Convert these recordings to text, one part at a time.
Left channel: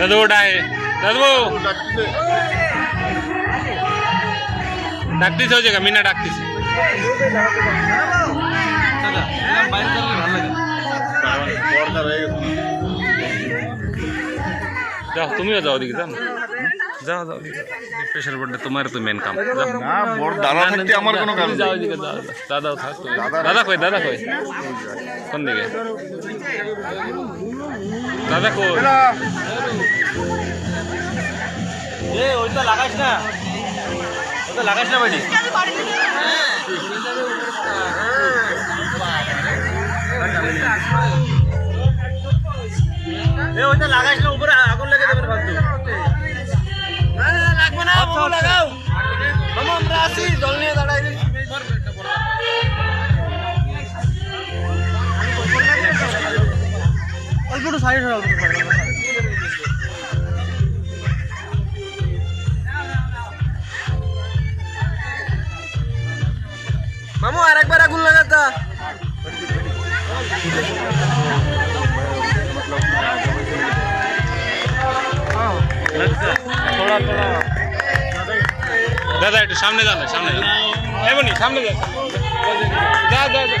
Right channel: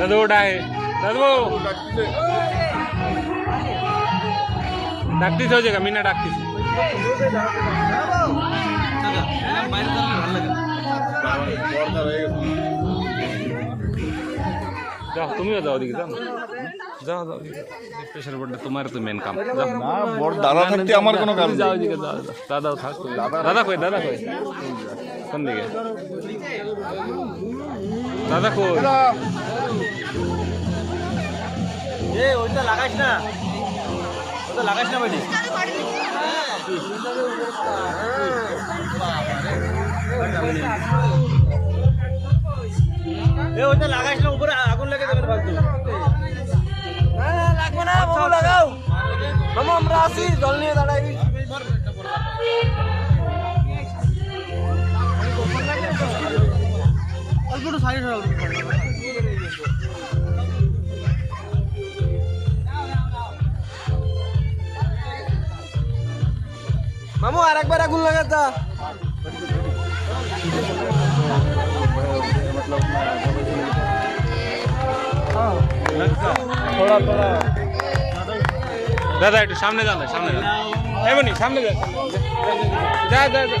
दादू उठा है दादू डाकतीस हो जाएगा मीना डाकतीस जाओ तुमिও যাও দিকে যাও যাও যাও প্রেসার পড়লে তোমার তো মেন কাম যাও না বড় দাদা থাকতে আমার কোনো কাম যাও দিকে যাও দাদাও থাক দাদা কই কোন দিকে দাদা কই এ ওইটা লাগাইস না বাড়ি এ ওইটা লাগাইস না উপরে আগুন লেগে যাবে ফালতু না লাগবে না ও লাগাও মামা আমরা আসি জল নিয়ে দাঁড়াই অল্প একটু সাইড হও মামু আরেকবার আগুন লাগাতা দাদা একটু সামনে যান সামনে যান এমনি সামনে যান যা যা যা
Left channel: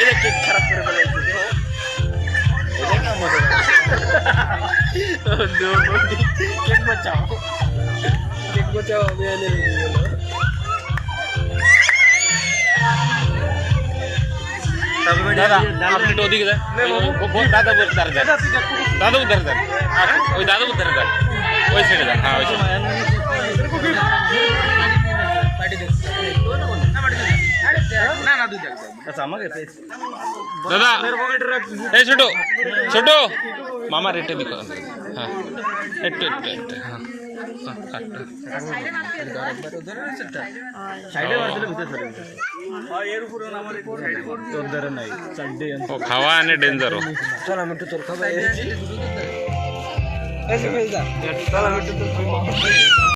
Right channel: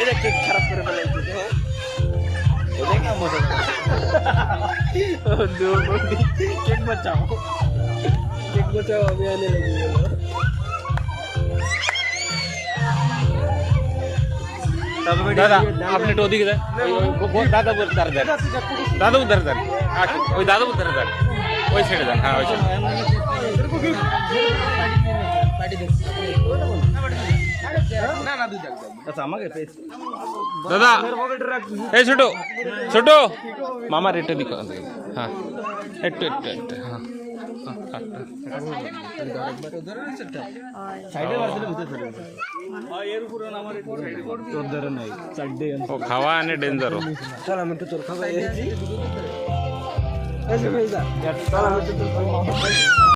এটা কেক খারাপ করে ফেলেছে কেক বাঁচাও আমি এনে লেগে গেল দাদা আপনি তো ওদিকে যান দাদা উদ্ধার যান দাদা উদ্ধার যান ওই দাদা উদ্ধার যান ওই সাইডে যান হ্যাঁ ওই দাদা এই ছোট ছোট মামা রেটে দিকো হ্যাঁ একটু একটু একটু হ্যাঁ খাওয়া আনে ডেঞ্জার চল আমি একটু চল খাবো